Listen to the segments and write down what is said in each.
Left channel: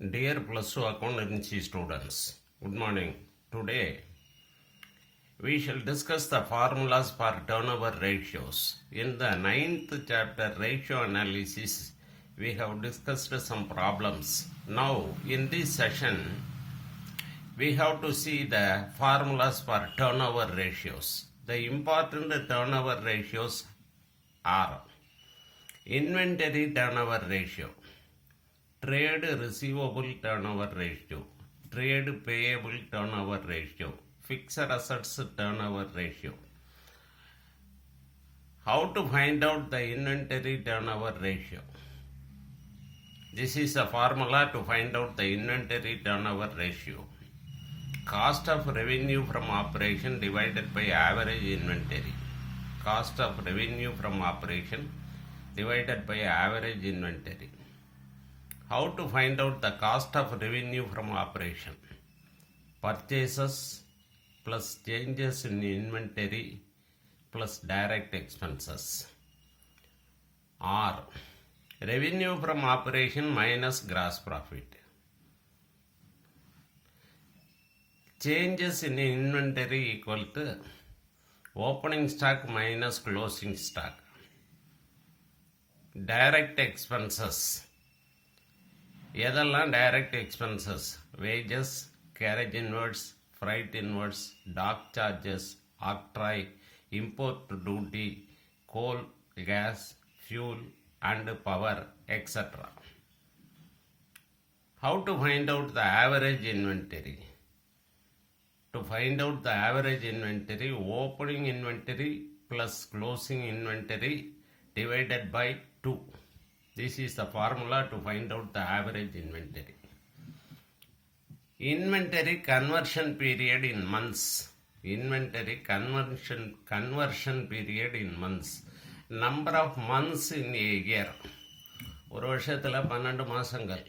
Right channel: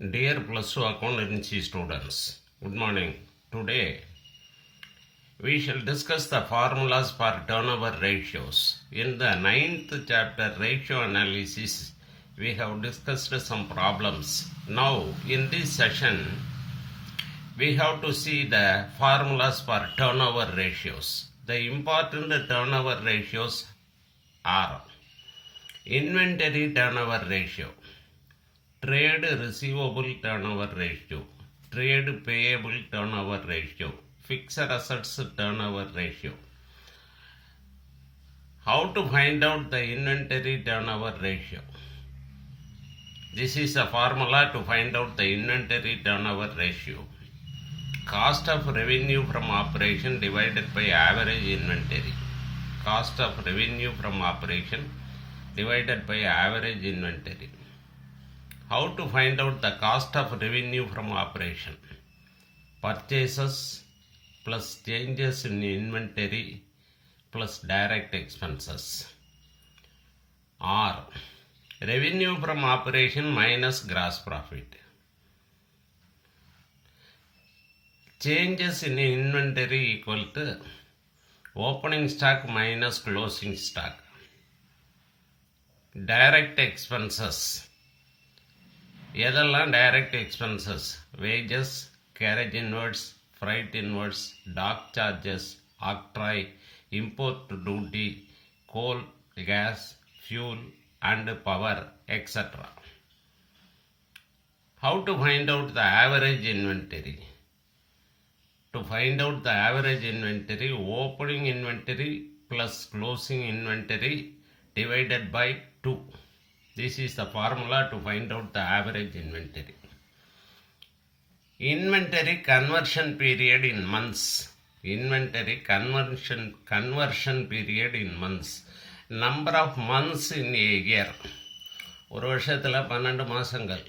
Dear Plus 2 accountancy students, good morning. Today we shall discuss the formulas for turnover ratios. In the 9th chapter ratio analysis, we have discussed some problems. Now in this session, we have to see the formulas for turnover ratios. The important turnover ratios are inventory turnover ratio, trade receivable turnover ratio, trade payable turnover ratio, fixed assets turnover ratio. How to find out the inventory turnover ratio? This is a formula to find out the inventory turnover ratio. Cost of revenue from operation divided by average inventory. Cost of revenue from operation divided by average inventory. How to find out the cost of revenue from operation? Purchases plus changes in inventory plus direct expenses, or revenue from operation minus gross profit. Changes in inventory equal to opening stock minus closing stock. Direct expenses. எதெல்லாம் direct expenses? Wages, carriage inwards, freight inwards, dock charges, octroi, import duty, coal, gas, fuel and power, etcetera. How to find out the average inventory? To find out the average inventory, opening inventory plus closing inventory divided by 2. This is the formula to find out the average inventory. Inventory conversion period in months. Inventory conversion period in months. Number of months in a year. ஒரு வருஷத்தில் 12 மாதங்கள்.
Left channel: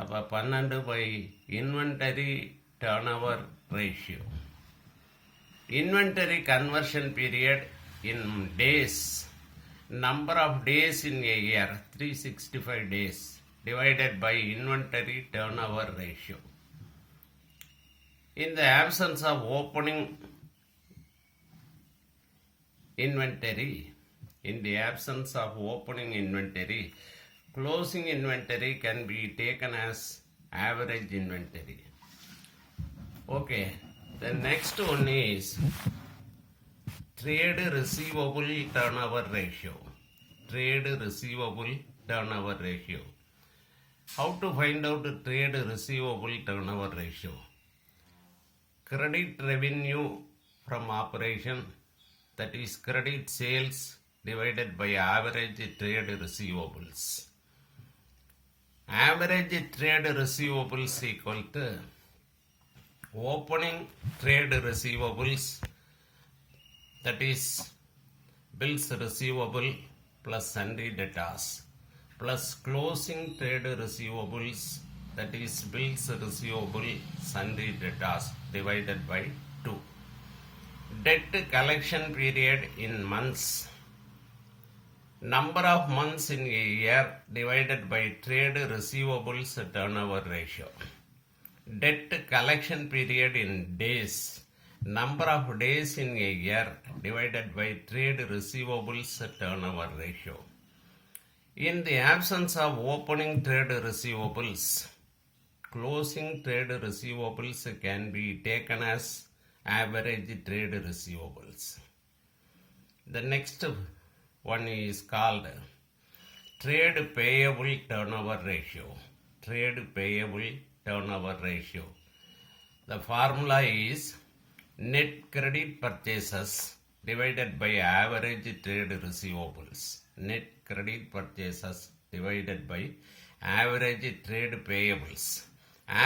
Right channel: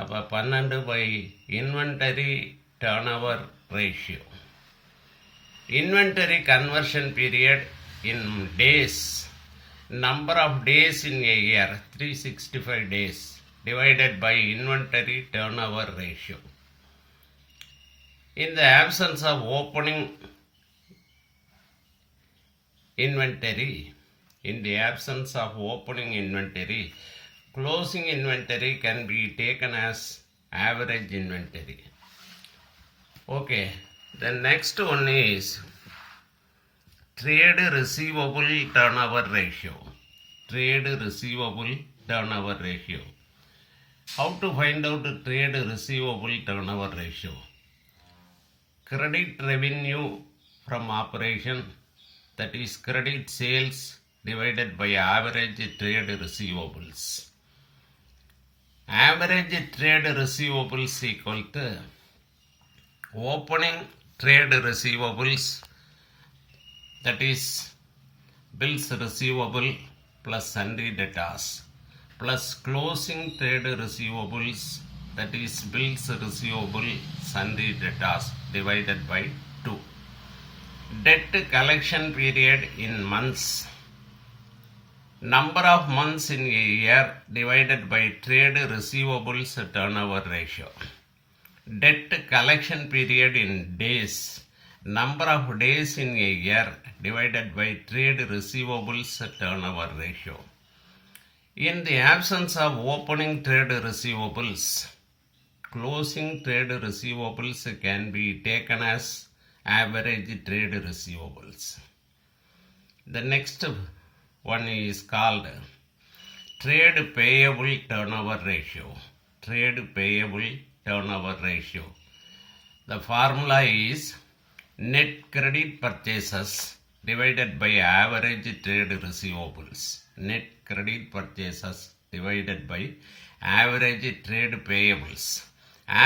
அப்போ 12 by inventory turnover ratio. Inventory conversion period in days. Number of days in a year, 365 days, divided by inventory turnover ratio. In the absence of opening inventory, closing inventory can be taken as average inventory. Okay, the next one is trade receivable turnover ratio. Trade receivable turnover ratio. How to find out the trade receivable turnover ratio? Credit revenue from operation, that is credit sales divided by average trade receivables. Average trade receivables equal to opening trade receivables, that is bills receivable plus sundry debtors, plus closing trade receivables, that is bills receivable sundry debtors, divided by 2. Debt collection period in months. Number of months in a year divided by trade receivables turnover ratio. Debt collection period in days. Number of days in a year divided by trade receivables turnover ratio. In the absence of opening trade receivables, closing trade receivables can be taken as average trade receivables. The next one is called trade payable turnover ratio. Trade payable turnover ratio. The formula is net credit purchases divided by average trade receivables. Net credit purchases divided by average trade payables.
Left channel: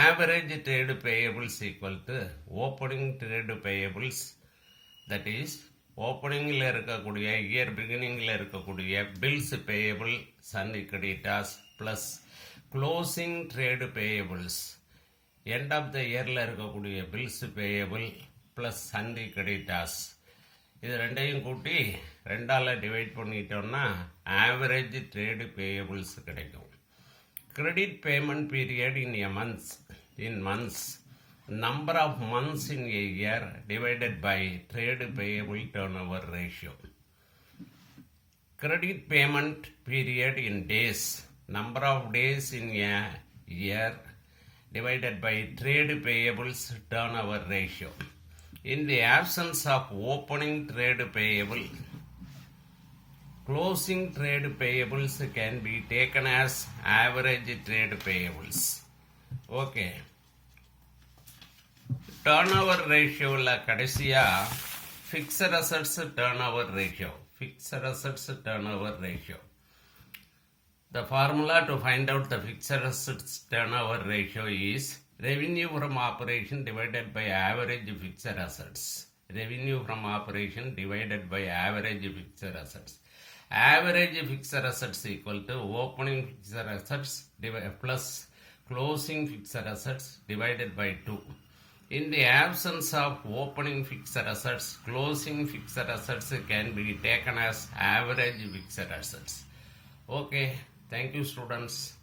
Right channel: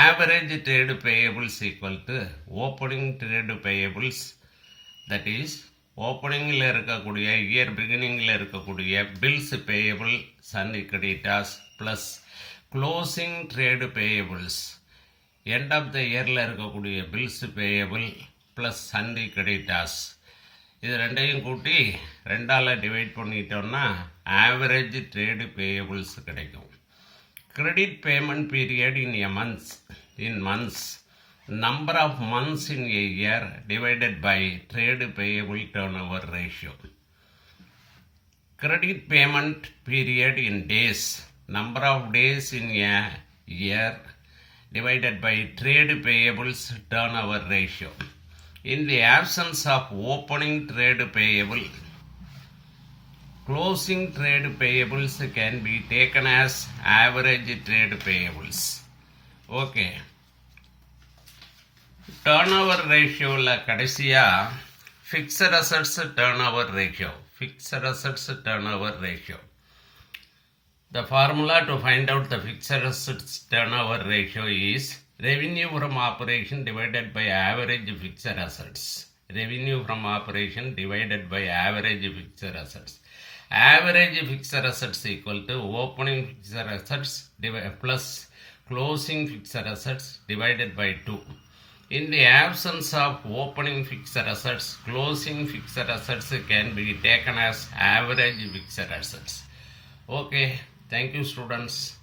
Average trade payables equal to opening trade payables, that is ஓப்பனிங்கில் இருக்கக்கூடிய year பிகினிங்கில் இருக்கக்கூடிய bills payable sundry creditors plus closing trade payables end of the இயரில் இருக்கக்கூடிய bills payable plus sundry creditors. இது ரெண்டையும் கூட்டி 2ஆல் டிவைட் பண்ணிட்டோம்னா ஆவரேஜ் ட்ரேடு பேயபிள்ஸ் கிடைக்கும். Credit payment period in months. Number of months in a year divided by trade payable turnover ratio. Credit payment period in days. Number of days in a year divided by trade payables turnover ratio. In the absence of opening trade payable, closing trade payables can be taken as average trade payables. Okay. Turnover ratio la கடைசியா fixed assets turnover ratio. Fixed assets turnover ratio. The formula to find out the fixed assets turnover ratio is revenue from operation divided by average fixed assets. Revenue from operation divided by average fixed assets. Average fixed assets equal to opening fixed assets plus closing fixed assets divided by 2. In the absence of opening fixed assets, closing fixed assets can be taken as average fixed assets. Okay, thank you students.